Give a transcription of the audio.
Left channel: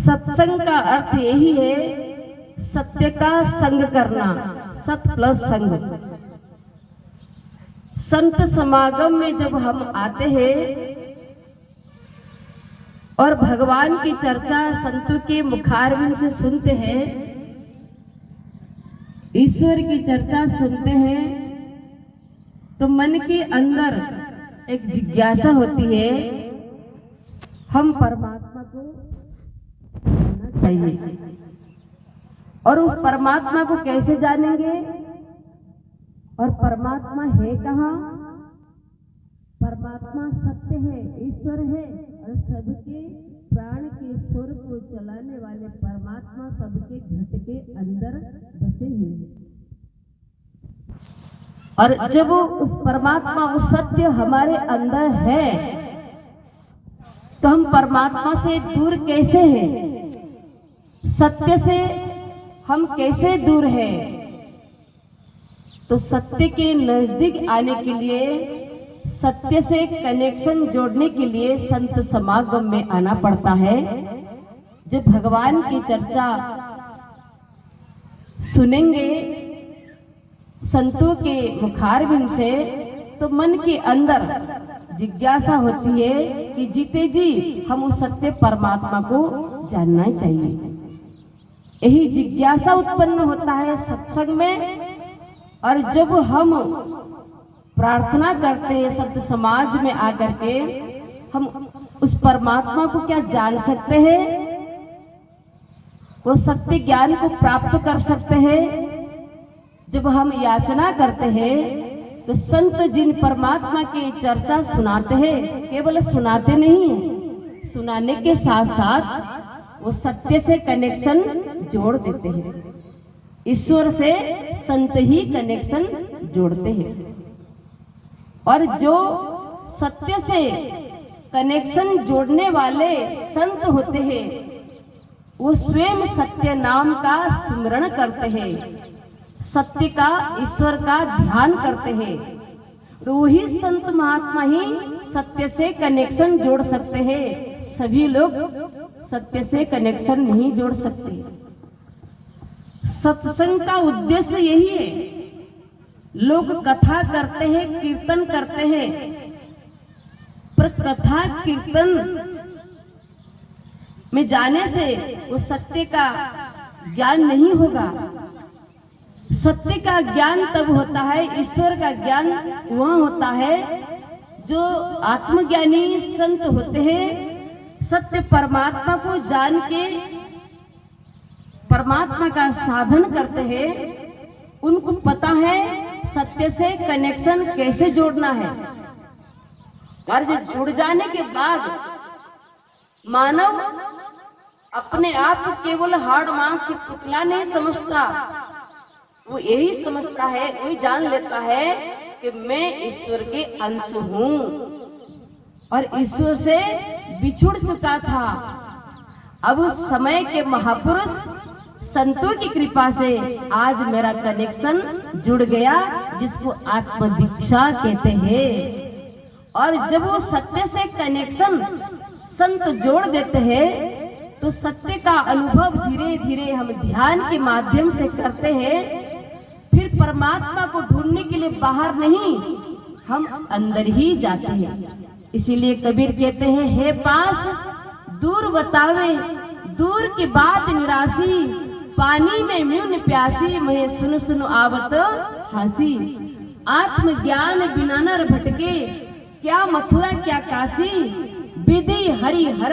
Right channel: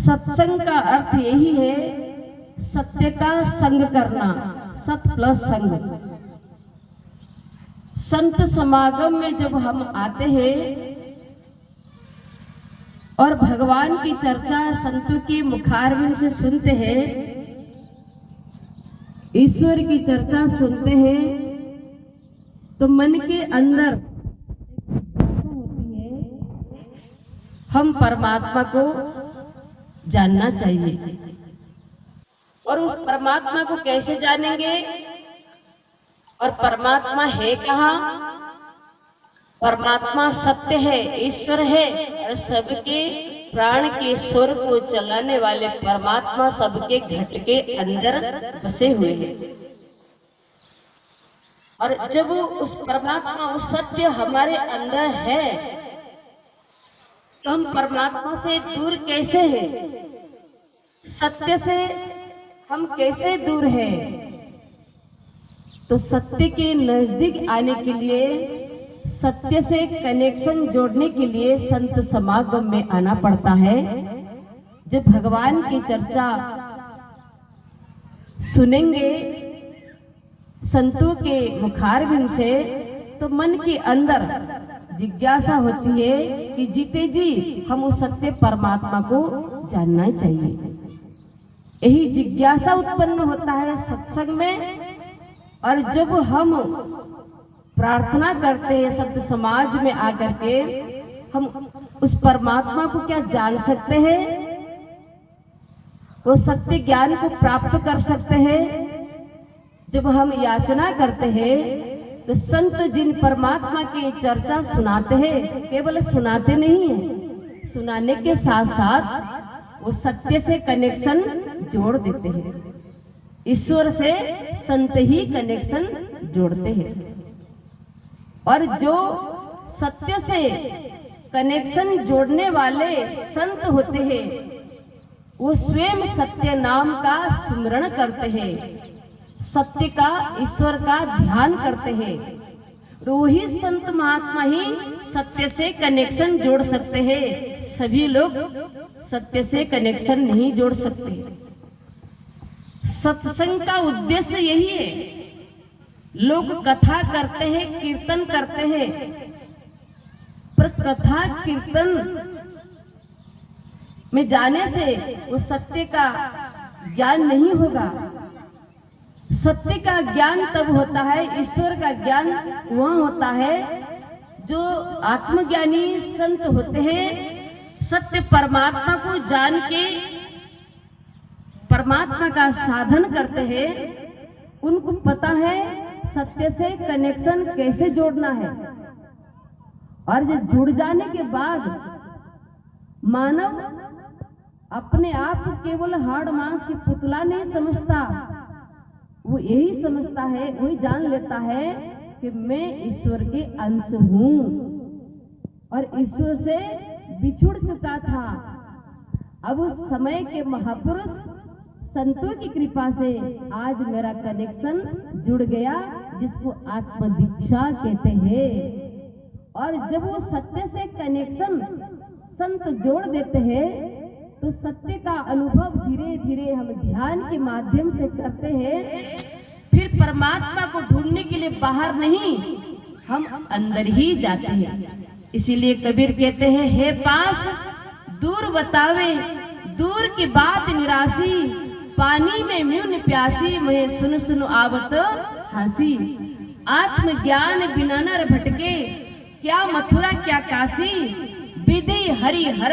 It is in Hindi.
सत्संग का अर्थ यही है, सत्य का संग करना, सत प्लस संग। संत समागम में जब हम आते हैं और भगवान की चर्चा संतों के मुखारविंद से सुनते हैं, ईश्वर की चर्चा सुनते हैं, तो मन के अंदर एक जिज्ञासा होती है, हम परमात्मा को जानना चाहिए। और उस परमात्मा को कैसे जानेंगे, और परमात्मा है कहाँ? परमात्मा सत्य है, ईश्वर है, और सबके प्राण के स्वर को चलाने वाले परमात्मा सबके घट के अंदर बसे हुए हैं। और जब उस परमात्मा, वो सत्य हमारे अंदर है, तो हम परमात्मा से दूर कैसे हैं? सत्य से हम कैसे दूर हैं? तो सत्य के नजदीक आने के लिए, सत्य से कनेक्शन जोड़ने के लिए संत समागम में आना पड़ता है। जब भगवान की चर्चा सुनेंगे संतों के मुखारविंद से, तो मन के अंदर जिज्ञासा होती है कि जीते जी हम उस सत्य परमात्मा को जानना चाहिए। यही जिज्ञासा उत्पन्न होता है सत्संग में। और जब हम प्रार्थना करते हैं संत समाज में आकर के, हम उस परमात्मा को क्या जान सकते हैं? वो सत्य ज्ञान को प्राप्त कर सकते हैं। जब हम याचना करते हैं, तो संत जिन परमात्मा की चर्चा सुनाते हैं, केवल सुनाते नहीं है, सुनाने के साथ साथ वो सत्य से कनेक्शन जोड़ देते हैं। ईश्वर से संत ही कनेक्शन जोड़ते हैं। और जो सत्य से कनेक्शन जोड़ने वाले संत होते हैं, वो स्वयं सत्य नाम का सुमरण करते हैं, सत्य का, ईश्वर का ध्यान करते हैं। वही संत महात्मा ही सत्य से कनेक्शन जोड़ सकते हैं। सभी लोग सत्य से कनेक्शन नहीं जोड़ सकते। सत्संग का उद्देश्य यही है। लोग कथा करते हैं, कीर्तन करते हैं, पर कथा कीर्तन में जाने से वो सत्य का ज्ञान नहीं होगा। सत्य का ज्ञान तब होता है, ईश्वर का ज्ञान वहाँ होता है जो आत्मज्ञानी संत होते हैं। सत्य परमात्मा को जान के परमात्मा का साधन करते हैं। उनको पता है सत्य से कनेक्शन कैसे जोड़ना है। और जब जुड़ जाने के बाद मानव अपने आप को केवल हाड़ मांस के पुतला नहीं समझता, वो यही समझता है, वही जान लेता है कि मैं ईश्वर के अंश हूं और ईश्वर से बिछुड़ चुका था। अब उस समय के महापुरुष संतों की कृपा से आज मेरा कनेक्शन जुड़ गया, जिसको आत्म दीक्षा कहते हैं। और जब वो सत्य से कनेक्शन संत जोड़ देते हैं, तो सत्य का अनुभव धीरे धीरे हम ध्यान के माध्यम से करते हैं। फिर परमात्मा को ढूंढने के लिए बाहर नहीं, हम अंदर ही जाते हैं। इसीलिए कबीर कहते हैं, हे पास दूर बतावे दूर की बात निराशी, पानी में म्यून प्यासी, मैं सुन सुन आवत हंसी। आत्मज्ञान बिना नर भटके, क्या मथुरा क्या काशी, विधि हरि हर